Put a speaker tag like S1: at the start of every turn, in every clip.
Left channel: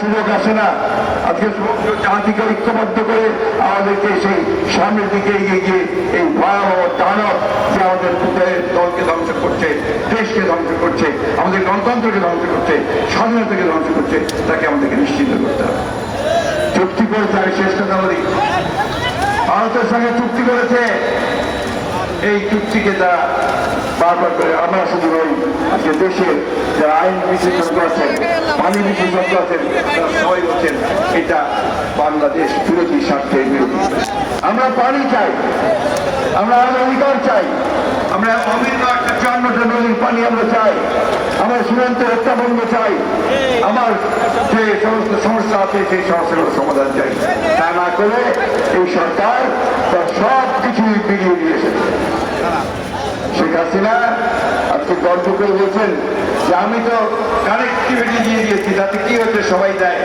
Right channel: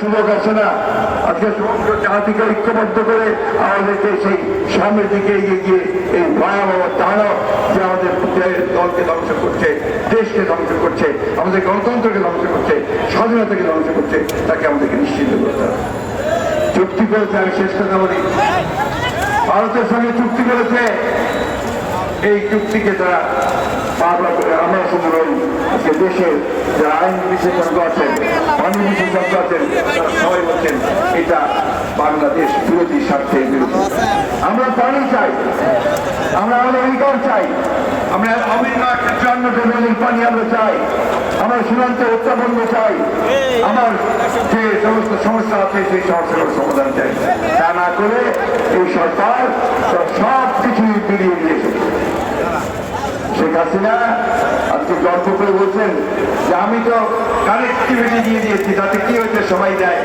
S1: সুযোগ আসে না? আজকে সমগ্র জাতিকে ঐক্যবদ্ধ করে আমাদেরকে সেই সামনের দিকে এগিয়ে গিয়ে এই ভার ও দানব যে আমাদের দলকে ধ্বংস করছে, দেশকে ধ্বংস করছে, আমাদের গণতন্ত্রকে ধ্বংস করছে, স্বাধীনতাকে ধ্বংস করছে, তাকে আমাদেরকে নিশ্চিত করতে হবে। চুক্তি করেছে, আমি শেষ কথা বলি। ভারতের সঙ্গে চুক্তি করেছে। এই চুক্তিকে তারা বারবার করে আমরা শুধু রই আজকে দেশের যারা আইন বিশেষজ্ঞ আছেন পানি বিশেষজ্ঞ আছেন এটা বাংলাদেশ বিরোধী স্বার্থের বিরোধী। আমরা পানি চাই, আমরা অধিকার চাই, আমরা অভিন্ন একটা পানি আমরা চাই, আমার সীমান্ত চাই, আমার যে সমস্ত সমস্যা আছে সেই সমাধান চাই। তা না করে এই সরকার তার সব কিছুই নিয়ে শেখ হাসিনা আজকে তর্ক করে বলছেন যে আমি তো কানেক্টিভিটি দিয়ে দিয়েছি, তাতে কি হয়েছে সবাই দেয়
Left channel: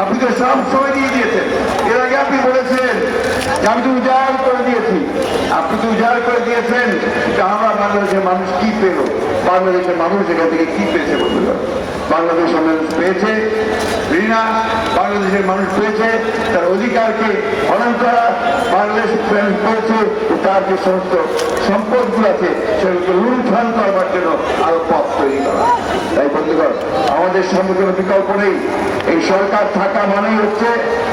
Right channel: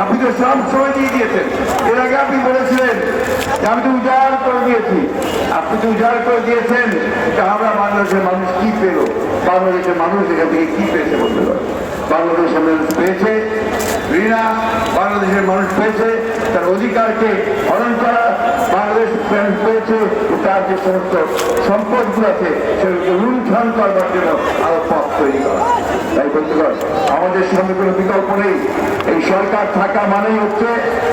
S1: আপনি তো সব সময় দিয়ে দিয়েছেন। এর আগে আপনি বলেছিলেন যে আমি তো উজাড় করে দিয়েছি। আপনি তো উজাড় করে দিয়েছেন আমরা বাংলাদেশের মানুষ কি পেল? বাংলাদেশের মানুষ এখান থেকে কি পেয়েছে বলতে বাংলাদেশের মানুষ পেয়েছে, রিনা বাংলাদেশের মানুষ পেয়েছে, তার অধিকারকে হরণ করা বাংলাদেশ পেয়েছে তার যে সমস্ত সম্পদগুলো আছে, সেগুলোকে লুণ্ঠন করবার জন্য আরও পথ তৈরি করা তাই বন্ধুগণ আমাদের সামনে কোনো বিকল্প নেই। এই সরকার থাকা মানেই হচ্ছে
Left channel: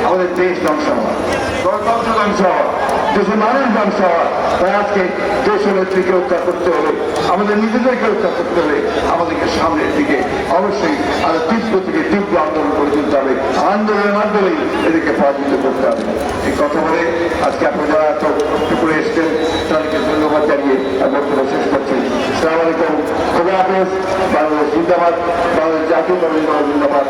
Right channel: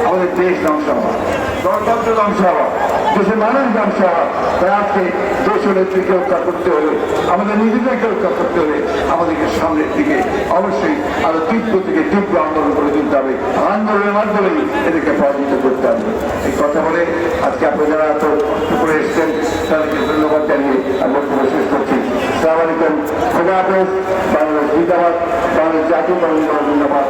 S1: আমাদের দেশ ধ্বংস গণতন্ত্র ধ্বংস দেশের মানুষ ধ্বংস তাই আজকে দেশ নেত্রীকে হত্যা করতে হলে, আমাদের নিজেদেরকে হত্যা করতে হলে আমাদেরকে সামনের দিকে অবশ্যই আসসালামু আলাইকুম। খুদা হাফেজ বাংলাদেশ জিন্দাবাদ বাংলাদেশ জাতীয় বাংলা জিন্দাবাদ